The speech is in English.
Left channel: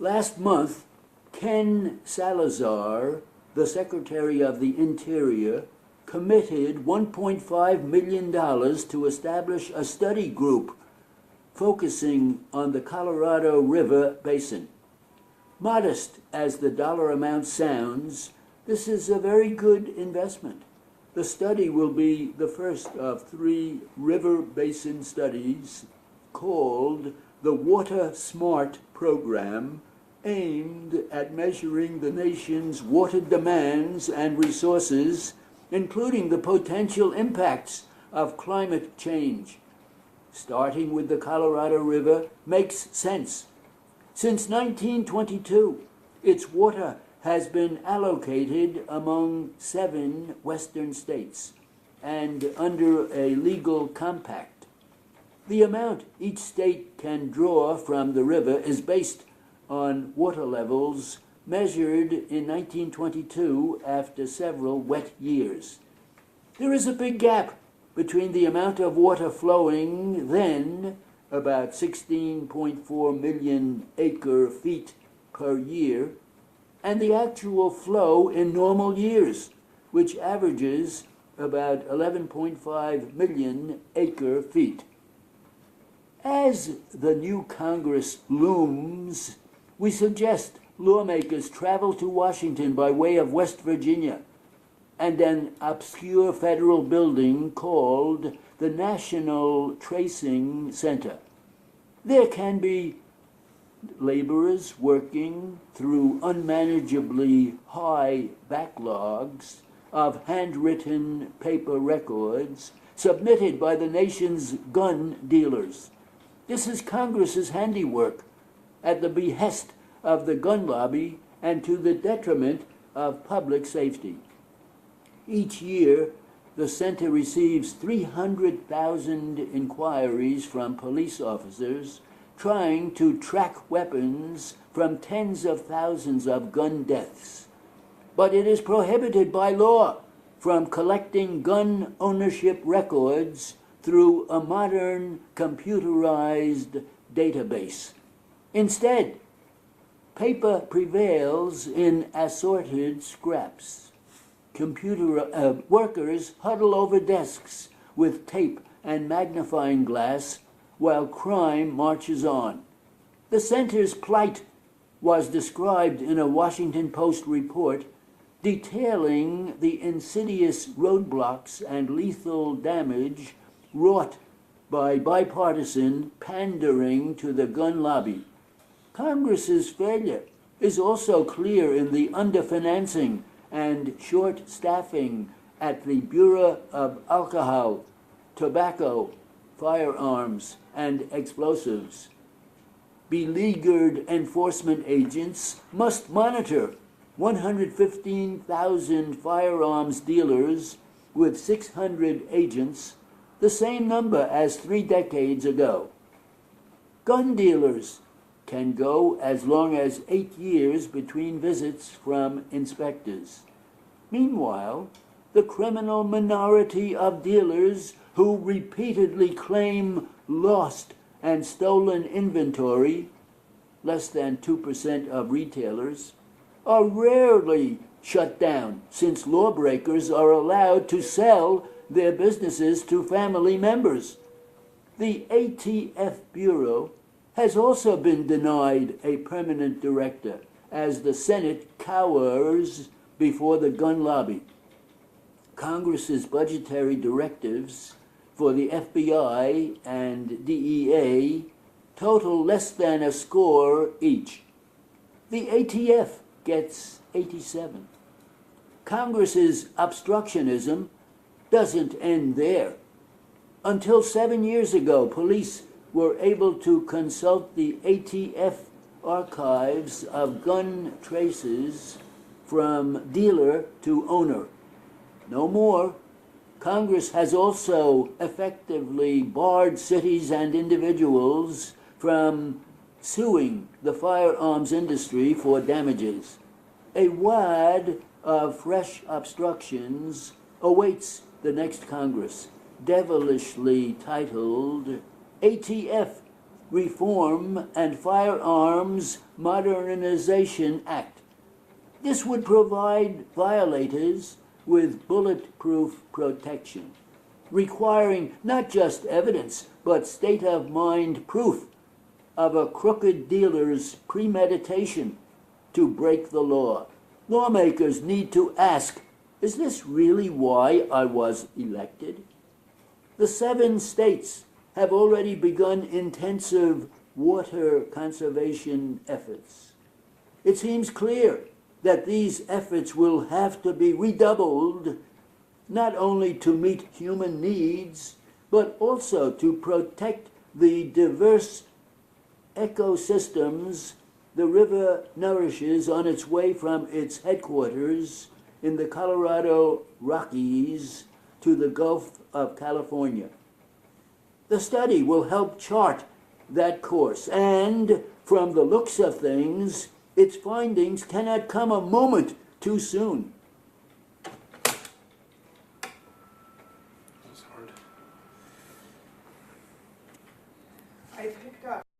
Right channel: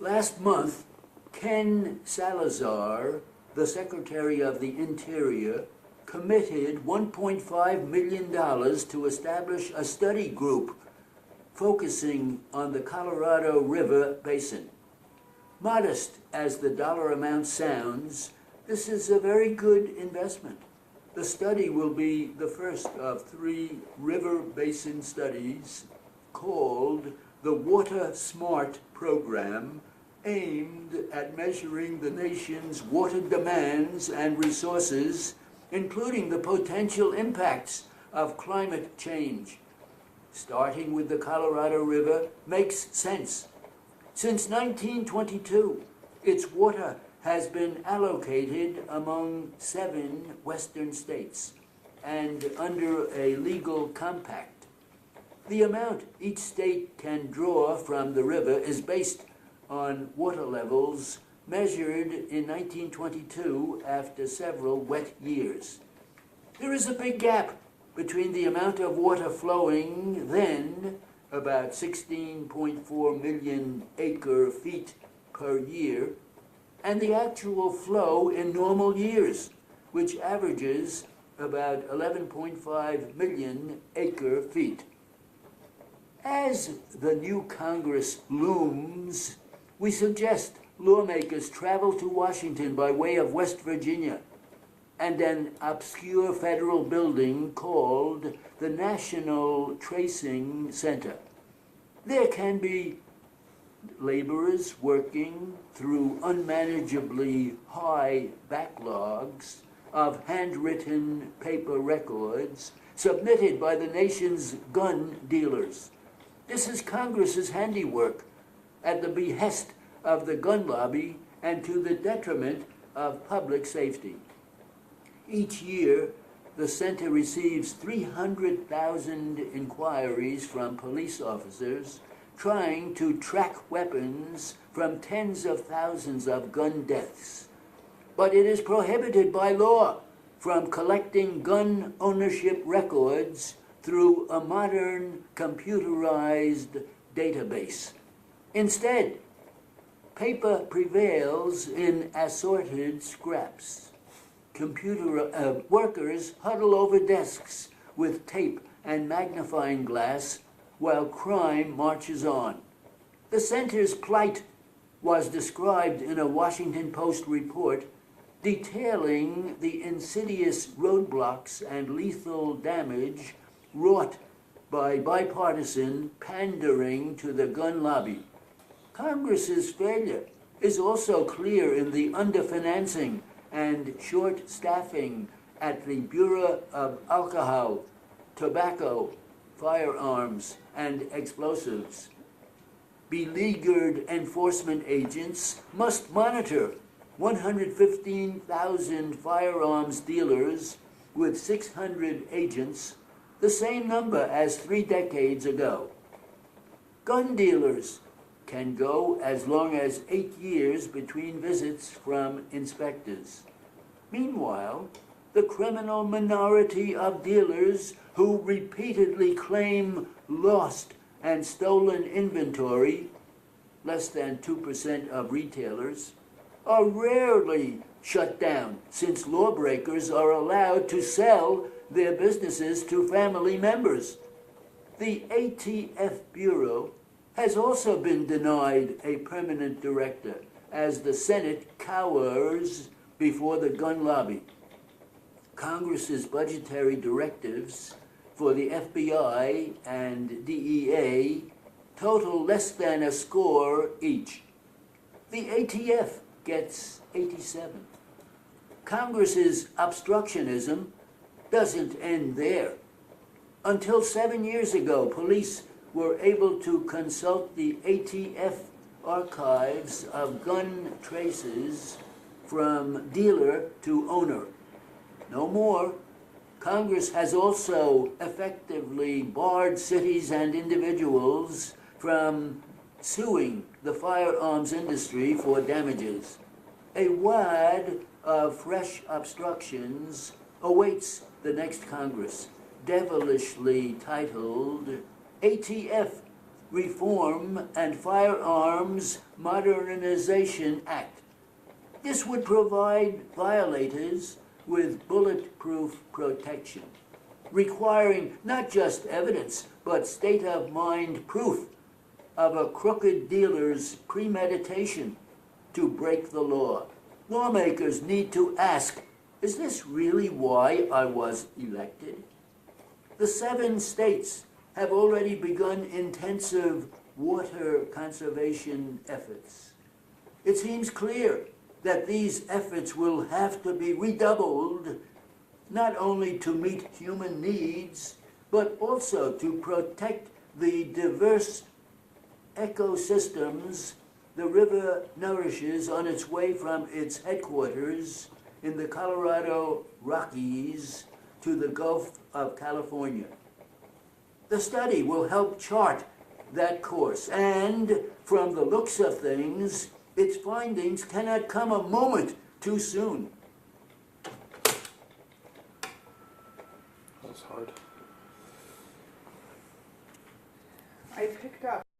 Last month, Ken Salazar, the Secretary of the Interior, committed $1.5 million to establish a study group focusing on the Colorado River Basin. Modest as the dollar amount sounds, this is a very good investment. The study will be the first of 3 river basin studies called the Water Smart Program, aimed at measuring the nation's water demands and resources, including the potential impacts of climate change. Starting with the Colorado River makes sense. Since 1922, its water has been allocated among 7 western states and under a legal compact. The amount each state can draw from the river is based on water levels measured in 1922 after several wet years. There is a big gap between the amount of water flowing then, about 16.4 million acre-feet per year, and the actual flow in normal years, which averages about 11.5 million acre-feet. As the new Congress looms, we suggest lawmakers travel to Washington by way of West Virginia and an obscure federal building called the National Tracing Center. There can be laborers working through unmanageably high backlogs of handwritten paper records submitted by the nation's gun dealers. This is Congress's handiwork at the behest of the gun lobby and to the detriment of public safety. Each year, the center receives 300,000 inquiries from police officers trying to track weapons from tens of thousands of gun deaths. But it is prohibited by law from collecting gun ownership records through a modern computerized database. Instead, paper prevails in assorted scraps. Workers huddle over desks with tape and magnifying glass while crime marches on. The center's plight was described in a Washington Post report detailing the insidious roadblocks and lethal damage wrought by bipartisan pandering to the gun lobby. Congress's failure is also clear in the underfinancing and short staffing at the Bureau of Alcohol, Tobacco, Firearms, and Explosives. Beleaguered enforcement agents must monitor 115,000 firearms dealers with 600 agents, the same number as 3 decades ago. Gun dealers can go as long as 8 years between visits from inspectors. Meanwhile, the criminal minority of dealers who repeatedly claim lost and stolen inventory, less than 2% of retailers, are rarely shut down since lawbreakers are allowed to sell their businesses to family members. The ATF Bureau has also been denied a permanent director as the Senate cowers before the gun lobby. Congress's budgetary directives for the FBI and DEA total less than a score each. The ATF gets 87. Congress's obstructionism doesn't end there. Until 7 years ago, police were able to consult the ATF archives of gun traces from dealer to owner. No more. Congress has also effectively barred cities and individuals from suing the firearms industry for damages. A wad of fresh obstructions awaits the next Congress, devilishly titled ATF Reform and Firearms Modernization Act. This would provide violators with bulletproof protection, requiring not just evidence, but state-of-mind proof of a crooked dealer's premeditation to break the law. Lawmakers need to ask, is this really why I was elected? The 7 states have already begun intensive water conservation efforts. It seems clear that these efforts will have to be redoubled, not only to meet human needs, but also to protect the diverse ecosystems the river nourishes on its way from its headquarters in the Colorado Rockies to the Gulf of California. The study will help chart that course, and from the looks of things, its findings cannot come a moment too soon. That's hard. I picked up